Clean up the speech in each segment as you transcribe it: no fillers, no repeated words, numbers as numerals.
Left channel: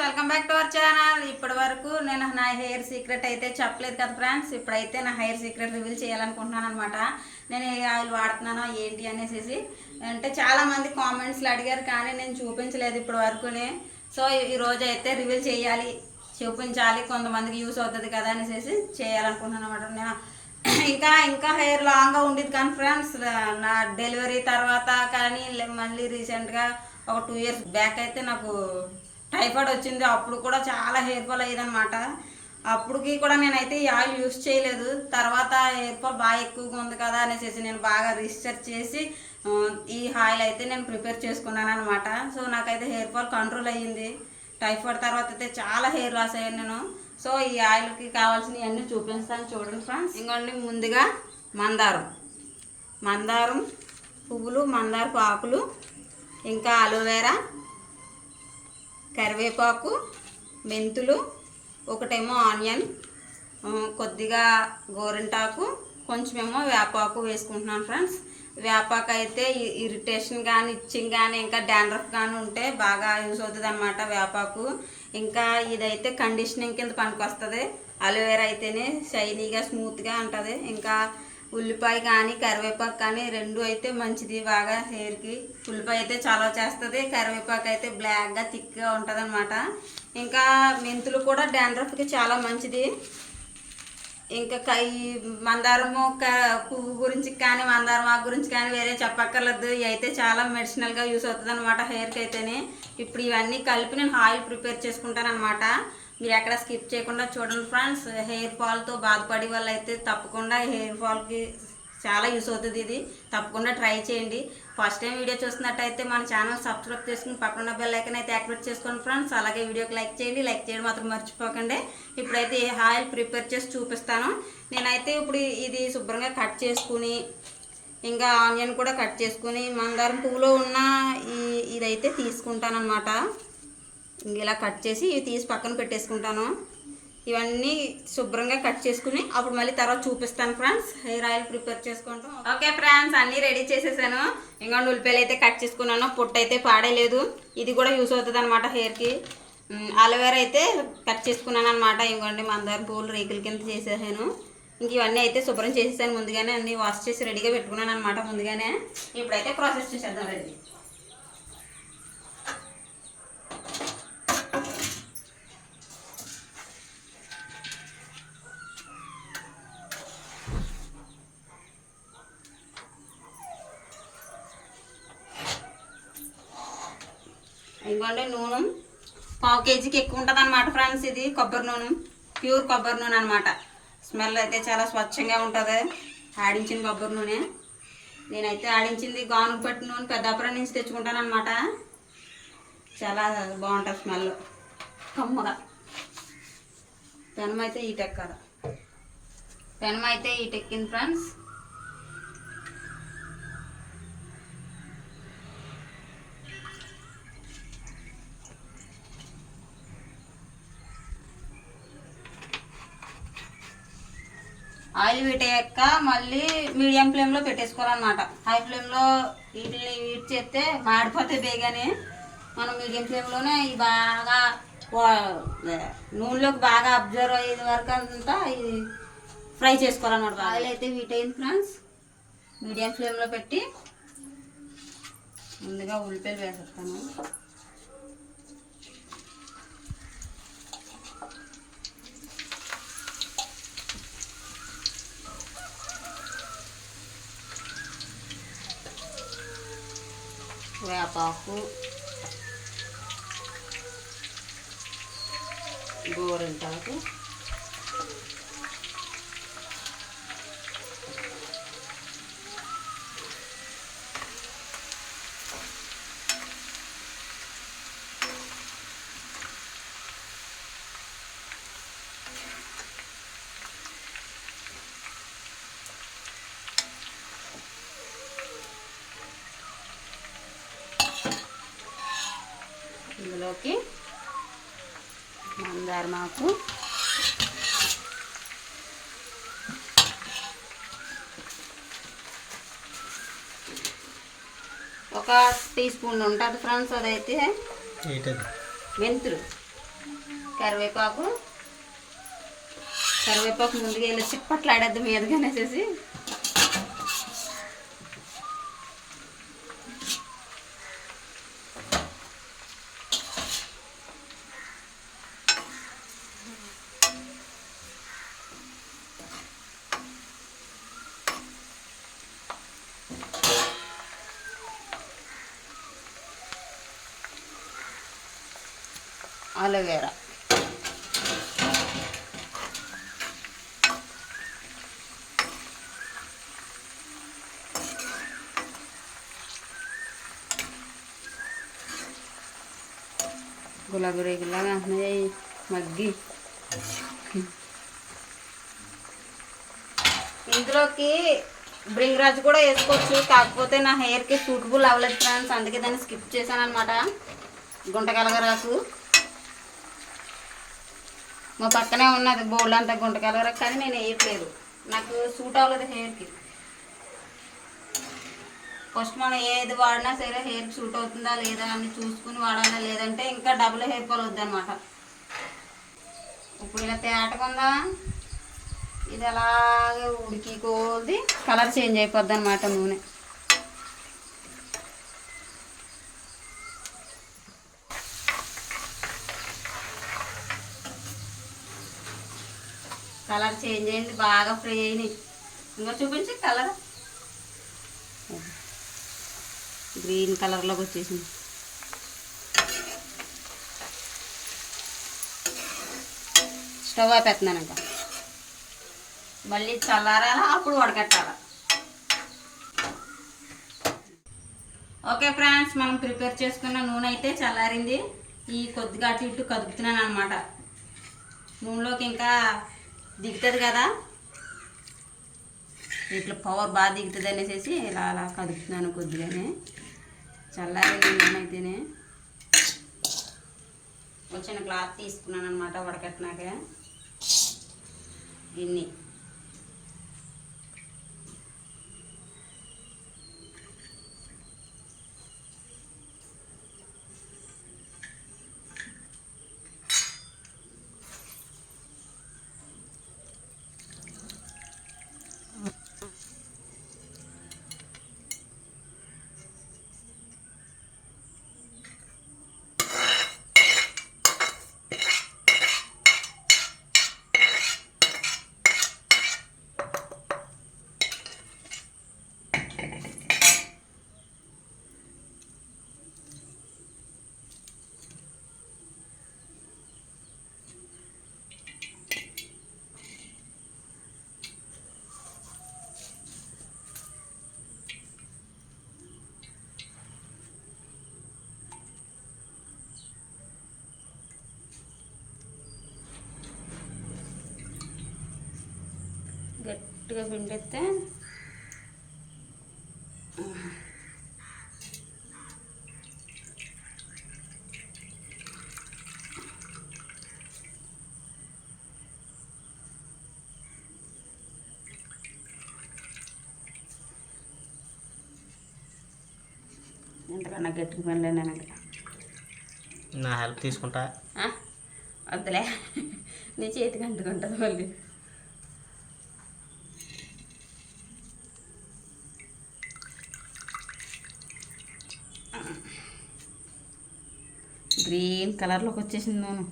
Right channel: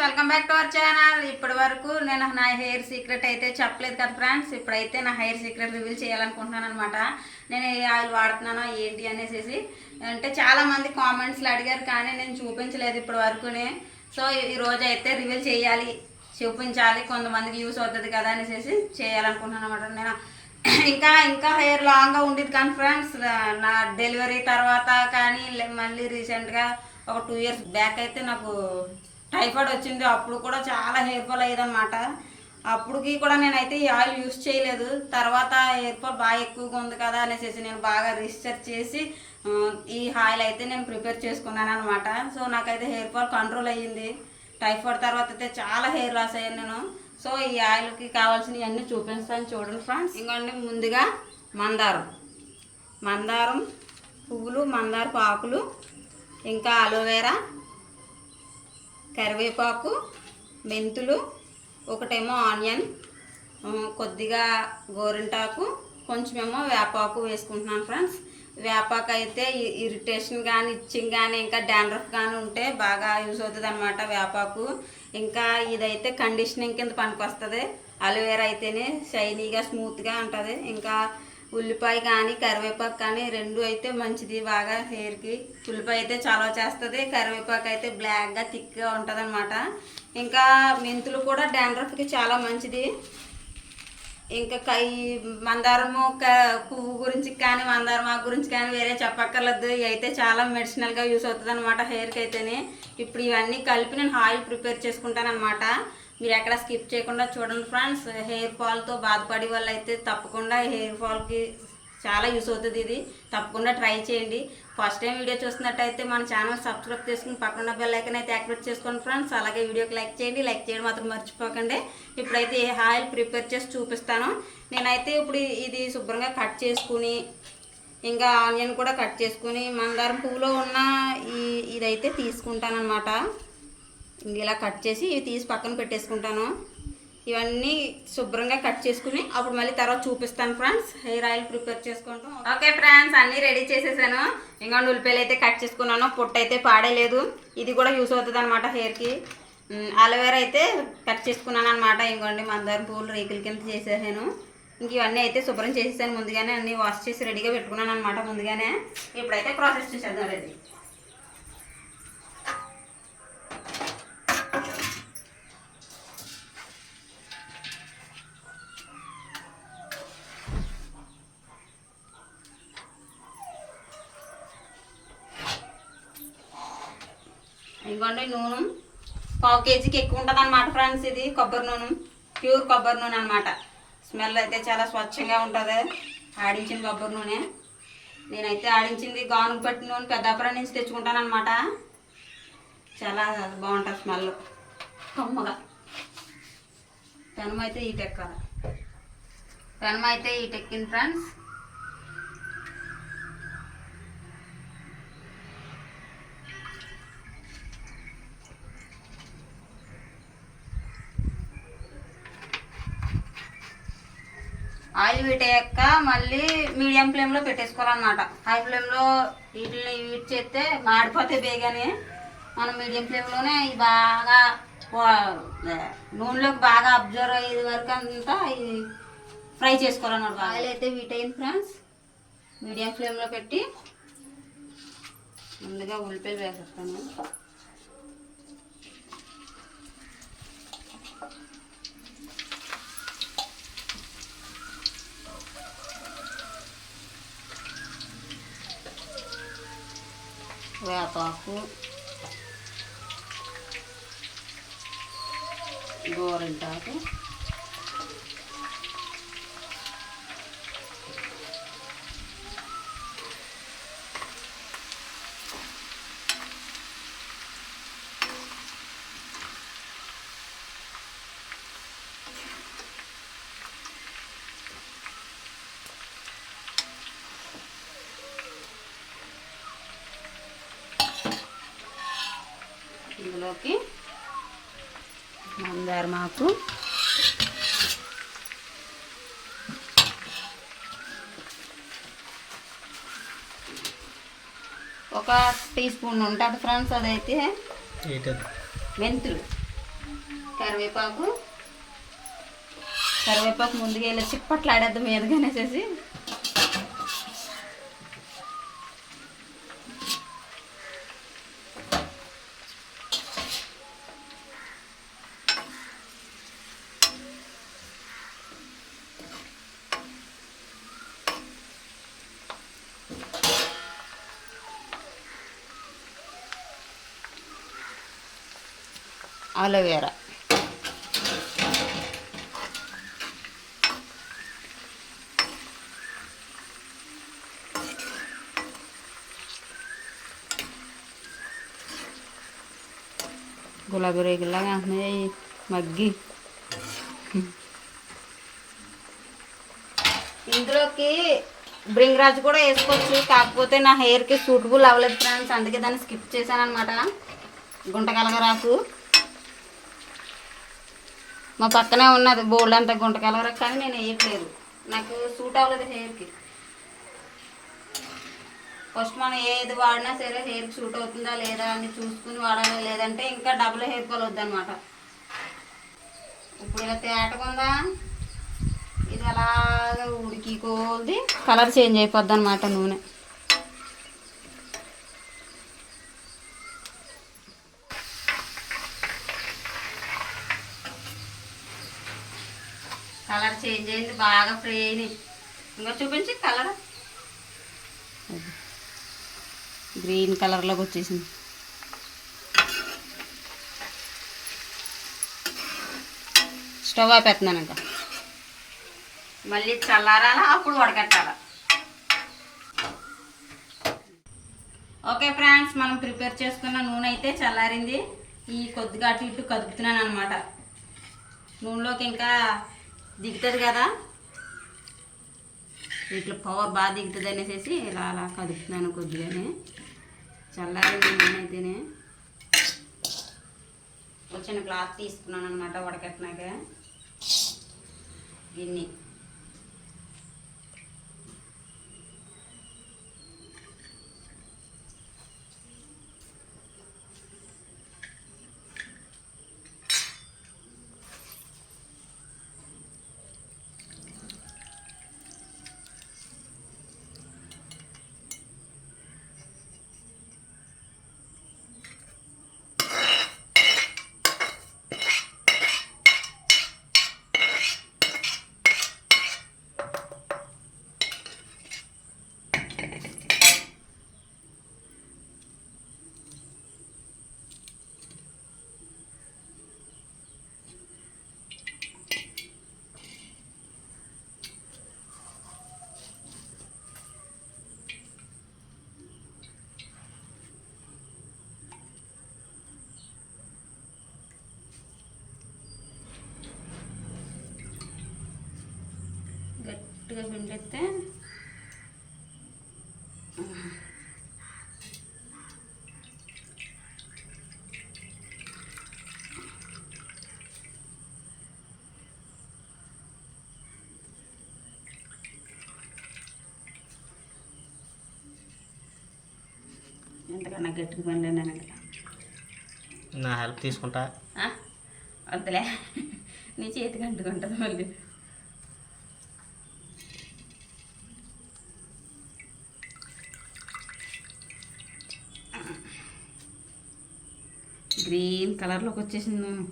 Welcome back to our channel. ఇప్పటి వరకు నేను నా హెయిర్ సీక్రెట్ అయితే చెప్పలేదు కదా ఫ్రెండ్స్. ఇప్పుడైతే నా హెయిర్ సీక్రెట్ రివీల్ చేయాలనుకుంటున్నాను అనమాట. నేను ఏ ఆయిల్ వాడుతున్నానో ఏంటి అనేసి అంటే చాలామంది కామెంట్స్లో అడిగారు, కానీ నేను చూపించలేదు ఇప్పటి వరకునే. సో ఈరోజు అయితే రివీల్ చేయాలి, చూపించాలి, కొంతమందికి యూస్ అవుతుంది కదా అనేసి చేయాలనుకుంటున్నాను అనమాట. నేను ఇంకా హెయిర్ లాంగ్గా ఉండేది కానీ ఫ్రెండ్స్, నా డెలివరీ తర్వాత కానీ మళ్ళీ రీసెంట్గా ఒక 2 years బ్యాక్ అయితే నాకు టైఫాయిడ్ వచ్చింది. అప్పుడు కూడా చాలా హెయిర్ ఫాల్ అయ్యేదన్నమాట. అప్పటికి కూడా నేనైతే ఈ ఆయిల్ యూస్ చేయలేదు. తర్వాత హెయిర్ ఫాల్ బాగా ఎక్కువగా ఉంది కదా అనేసి నేను బాగా రీసెర్చ్ చేసి ఈ ఆయిల్ అయితే నేను ప్రిపేర్ చేసుకున్నాను అనమాట. సో నాకైతే హెయిర్ ఫాల్ కంట్రోల్ అయ్యింది. టైఫాయిడ్ తర్వాత అయితే చాలా హెయిర్ లాస్ అయ్యాను నేను. సో ఈ ఆయిల్కి కావాల్సినవి అన్నీ చూపిస్తాను చూడండి ఫ్రెండ్స్. ఇంకోండి, ముందుగా మందారం పువ్వులు, మందారపు ఆకులు, ఇంకా అలోవెరా, కరివేపాకు, మెంతులు, ఒకటేమో ఆనియన్, కొద్దిగా గోరింటాకు, కొంచెమేమో వేపాకు వేసుకుంటున్నాను ఫ్రెండ్స్. వేపాకు అయితే ఇరిటేషన్ కానీ, ఇచ్చింగ్ కానీ, ఇంకా డాండ్రఫ్ కానీ ఉంటే బాగా యూజ్ అవుతుంది అనమాట వేపాకు. ఇంకా ఇదైతే కండిషనింగ్ కింద పనికి వస్తుంది. అలోవెరా అయితేనే షైనీగా స్మూత్గా ఉంటుంది. ఇంకా ఉల్లిపాయ కానీ కరివేపాకు కానీ రెండు అయితే మంచిది బాగా హెయిర్కి. ఉల్లిపాయ అయితే చాలా చేస్తుంది, కరివేపాకు అయితే బ్లాక్గా థిక్గా ఉంటుంది అనమాట. ఇంకా మెంతులు కూడా డాండ్రఫ్కి చాలా మంచిది. ఇంకా మందారము పువ్వు గురించి కానీ, మందారం ఆకు గురించి కానీ వేరే చెప్పక్కర్లేదు. ఇవి అయితే చాలా మెడిసినల్గా యూస్ అవుతుంది అనమాట హెయిర్కి అయితేనే. ఇప్పుడు ఇవన్నీ కలిపి నేను ఆయిల్ ప్రిపేర్ చేసుకుంటాను అనమాట. మీరు ఎక్కడ స్కిప్ చేయకుండా చూడండి ఫ్రెండ్స్. హెయిర్ ఫాల్తో బాధపడే వాళ్ళు అయితే తప్పకుండా హెయిర్ ఫాల్కి చాలా యూస్ అవుతుంది. ఇది తప్పకుండా ట్రై చేయండి. ఫస్ట్ టైం వీడియో చూస్తున్నట్టయితే మన ఛానల్ సబ్స్క్రైబ్ చేసుకుని పక్కన బెల్ ఐకాన్ అయితే యాక్టివేట్ చేసుకోండి ఫ్రెండ్స్. అలాగే వీడియోకి లైక్ చేయడం మాత్రం మర్చిపోకండి. ఇప్పుడైతే ఏ ఆయిల్ ప్రిపేర్ చేసి చూపిస్తాను. నేనైతే ఇప్పుడు ఇది శుభ్రంగా కట్ చేసుకుని, ఇంకా ఆనియన్ కూడా కట్ చేసుకుని, మందారం పువ్వులో ఉన్న ఇదైతే తీసుకుంటాను అనమాట. ఇలా కట్ చేసి ఇవి తీసి పక్కన పెట్టేసుకుంటాను. ఇవన్నీ శుభ్రంగా కట్ చేసుకుని అప్పుడు మళ్ళీ తర్వాత చూపిస్తాను ఫ్రెండ్స్. హెయిర్ ఆయిల్ ప్రిపేర్ చేసుకుంటాం. ఓకే ఫ్రెండ్స్, అన్నీ రెడీ చేసేసాను. ఇంకా ఉల్లిపాయలు అయితే కట్ చేసుకున్నాను. పొట్టు అయితే పాడేలేదు. ఇది కూడా యూస్ అవుతుంది అనమాట హెయిర్కి. అలోవెరా అయితే కట్ చేసుకున్నాను అనమాట. ఇంకోండి, మందారం పువ్వులు రేకుల కింద చేసేసాను. ఇంక ఇవన్నీ అయితే శుభ్రం చేసేసాను ముందుగానే. అన్నీ వాష్ చేసి రెడీగా పెట్టుకున్నాను అనమాట ముందుగానే. ఇప్పుడైతే ప్రాసెస్ చేసేద్దాం రెడీ. ఇదిగోండి, నూనె 1/2 kgకి ఎక్కువ ఉంటుంది అనమాట ఫ్రెండ్స్. ఇది కొబ్బరి నూనె, ప్యూర్ కొబ్బరి నూనె అనమాట. స్మెల్ అయితే చాలా స్వచ్ఛంగా ఉంటుంది. ఆడించిన కొబ్బరి నూనె. నేనైతే ఆడించింది గానుగ పట్టిన నూనె పెద్దాపురం నుంచి తెచ్చుకుంటాను అనమాట. చాలా బాగుంటుంది స్మెల్, కమ్మగా. పెనం అయితే ఈటెక్కింది ఫ్రెండ్స్. ఆయిల్ వీటయ్యాక మళ్ళీ మీడియం ఫ్లేమ్లో పెట్టేసుకోవాలన్నమాట. హై ఫ్లేమ్లో వీటిని హీట్ చేస్తే మాడిపోతాయి బేగానే. మనం మీడియం ఫ్లేమ్లోనే ఇవి బాగా నూనెలోకి బాగా అబ్జర్వ్ అయ్యేది వరకు అంతా ఇది ఫ్రై చేసుకోవాలన్నమాట. ఆయిల్ అయితే వీట్ అయింది ఫ్రెండ్స్. మీడియం ఫ్లేమ్లో పెట్టి ముందుగా ఉల్లిపాయలు వేసేస్తాను. వేపాకు, గోరింటాకు, ఇందులోకి మందారమాకు, ఒక టీ స్పూన్ ఉంటుంది ఫ్రెండ్స్. అదైతే మెంతులు కరివేపాకు ముందుగా వెళ్ళి చిప్పట్లు ఆడేద్దాం మీదగానేసేసి అలోవేరా గులాబీ రేగులాగా అంటున్నాయి మగ్గి. ఇందులోకి బ్రింగ్రాజ్ కూడా వేసుకోవచ్చు, కాకపోతే నా హెయిర్కి సూటబుల్ అవ్వలేదు ఫ్రెండ్స్, అందుకే దాన్ని స్కిప్ చేశాను అనమాట. గుంటకలగరాకు మా పక్కనే ఉన్నది బోల్డ్ అంతా గుంటకలగరాకు, కానీ నేను వేయట్లేదు, నాకు సూట్ అవ్వలేదు హెయిర్కి. ఫస్ట్ మనం ఏది వాడినా సరే హెయిర్కి సూట్ అవుతుందా లేదా అని చూసుకుని వాడాలి, లేదంటే ఇంకా డబుల్ హెయిర్ ఫాల్ వద్దనమాట. ఇప్పుడు ఇలా తేటకుందా, ఇది అలాగే ఉడికి కోది కలర్ చేంజ్ అయిపోద్ది అనమాట నూనె. కలర్ చేంజ్ అయింది, బాగా ఫ్రై అయినాయి. ఇంకా చూపించి కలర్ గ్రీన్ కలర్లోకి వచ్చేసింది. స్టవ్ అయిపోతున్నాను ఇంకా, మళ్ళీ చల్లారాలా అప్పుడు వడకట్టాలి. ఓకే ఫ్రెండ్స్, మనం ప్రిపేర్ చేసుకున్న నూనె అయితే చల్లారింది. ఈ కొద్దిగా అటు ఇటు కదుపుతున్నాను అనమాట. నూనెలోకి ఇంకా దిగుతుంది కదా, ఇట్లా పవర్ బాగా దిగుతుంది అనేసి ఇలా అలా కదుపుతున్నాను కొద్దిగానే. చల్లారింది నూనె అయితేనే. వచ్చిన క్లాత్ తీసుకున్నాను అనమాట వడకట్టినాక. గిన్నె గట్టిగా పిండితే ఎంతకన్నా గట్టిగా పండినా నా హెల్ప్ తీసుకుంటా. వద్దులే, నీ చేతికి అంటుకుంటుంది మళ్ళీ. గ్రీన్ కలర్లోకి వచ్చేసింది నూనె.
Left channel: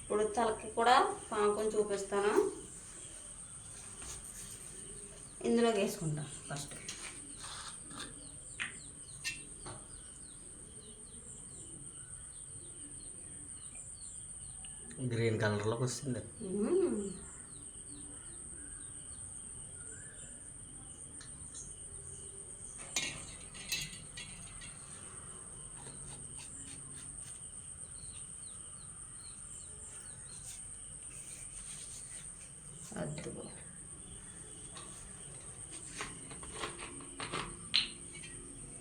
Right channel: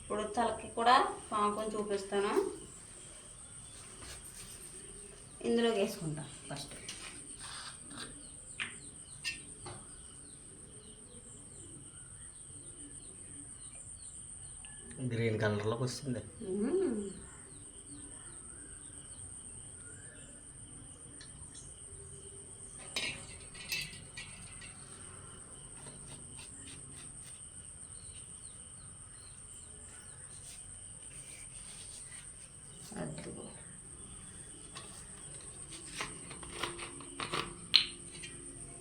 ఇప్పుడు తలకి కూడా పాముకొని చూపిస్తాను. ఇందులోకి వేసుకుంటా ఫస్ట్. గ్రీన్ కలర్లోకి వస్తుంది.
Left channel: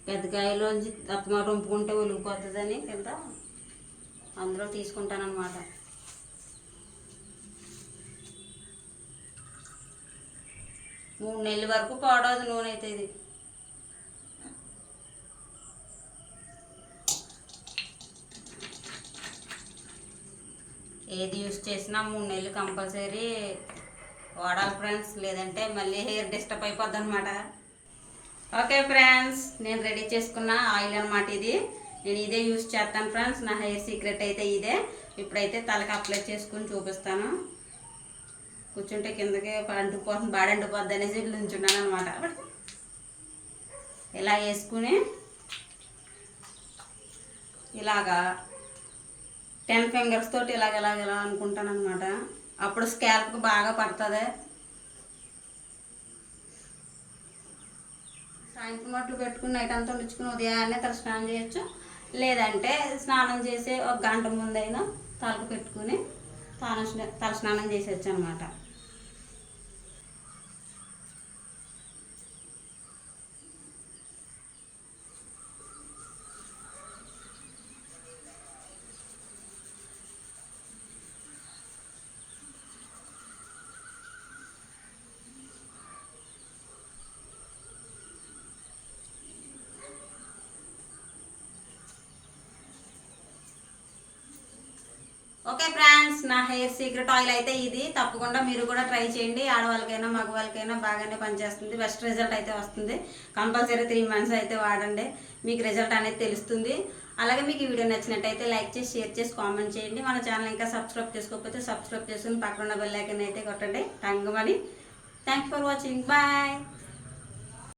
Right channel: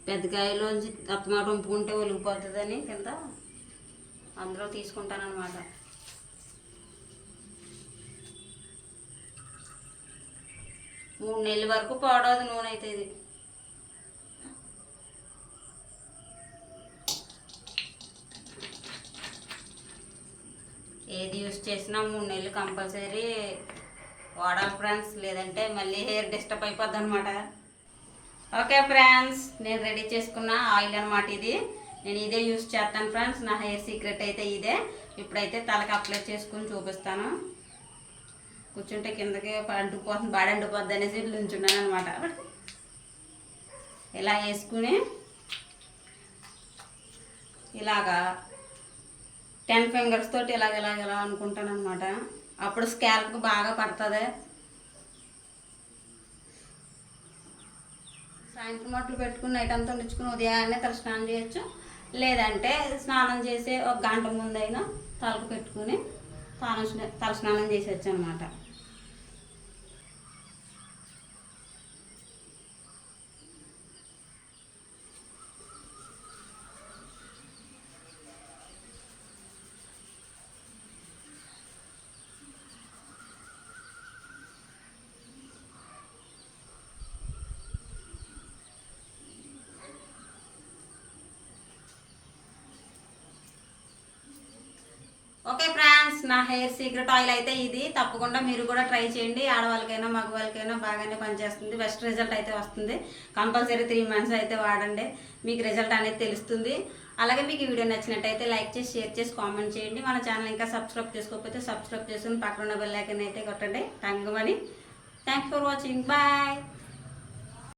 పెద్ద కాయలోంచి అత్తమాట వంపుకుంటే ఒలిగిపోతుందని కింద అందులో తీసుకుంటానన్నమాట. మూడు నెలల వరకు పాడవదు నూనె అయితే ఇది. ఏది యూస్ చేసినా 3 నెలలు కంపల్సరీ వాడాలి ఫ్రెండ్స్, లేదంటే మళ్ళీ హెయిర్ డిస్టర్బ్ అయిపోద్ది అనమాట. ఓకే ఫ్రెండ్స్, నేను రెడీ చేసుకున్న ఆయిల్ అనమాట ఇది. నేను ఇదే యూస్ చేస్తాను ఫ్రెండ్స్. నా హెయిర్ సీక్రెట్ అయితే ఇదే. ఇప్పుడైతే తలకి అప్లై చేసుకుని చూపిస్తాను. కూర్చుంటే కిందకి అంటుకుపోతుంది, బాడీ అంటుకుపోద్ది అనేసి నుంచున్నాను అనమాట. ఇలా వేసుకుని ఇలాగా 10 ఫింగర్స్ తోటి ఇలా అనుకుంటాను అనమాట. అప్పుడు స్కాల్ప్కి బాగా పడుతుంది. సాయంత్రం మట్లు పెట్టుకుని నైట్ అంతా ఉంచుకుని ఉదయాన్నే తల స్నానం చేయొచ్చు. లేదంటే స్నానం చేసే 1 గంట ముందైనా తలకు పెట్టుకుని తల స్నానం చేసేయచ్చు అనమాట. ఓకే ఫ్రెండ్స్, నా హెయిర్ సీక్రెట్ ఆయిల్ అయితే ఇది. తప్పకుండా మీరు కూడా ట్రై చేయండి. ఆడవాళ్ళకైనా మగవాళ్ళకైనా బాగానే పనిచేస్తుంది. బెస్ట్ రిజల్ట్ అయితే వస్తుంది. కంపల్సరీ 3 మంత్స్ అయితే వాడండి, మీకు రిజల్ట్ అనేది తెలుస్తుంది. అలాగే మీకు ఈ వీడియో నచ్చినట్టయితే లైక్ చేసి, షేర్ చేసి, కామెంట్ చేయండి. మన ఛానల్ ఇంకా సబ్స్క్రైబ్ చేసుకోకపోతే సబ్స్క్రైబ్ చేసుకుని పక్కన బెల్ ఐకాన్ అయితే కొట్టండి. Thank for watching. బాయ్.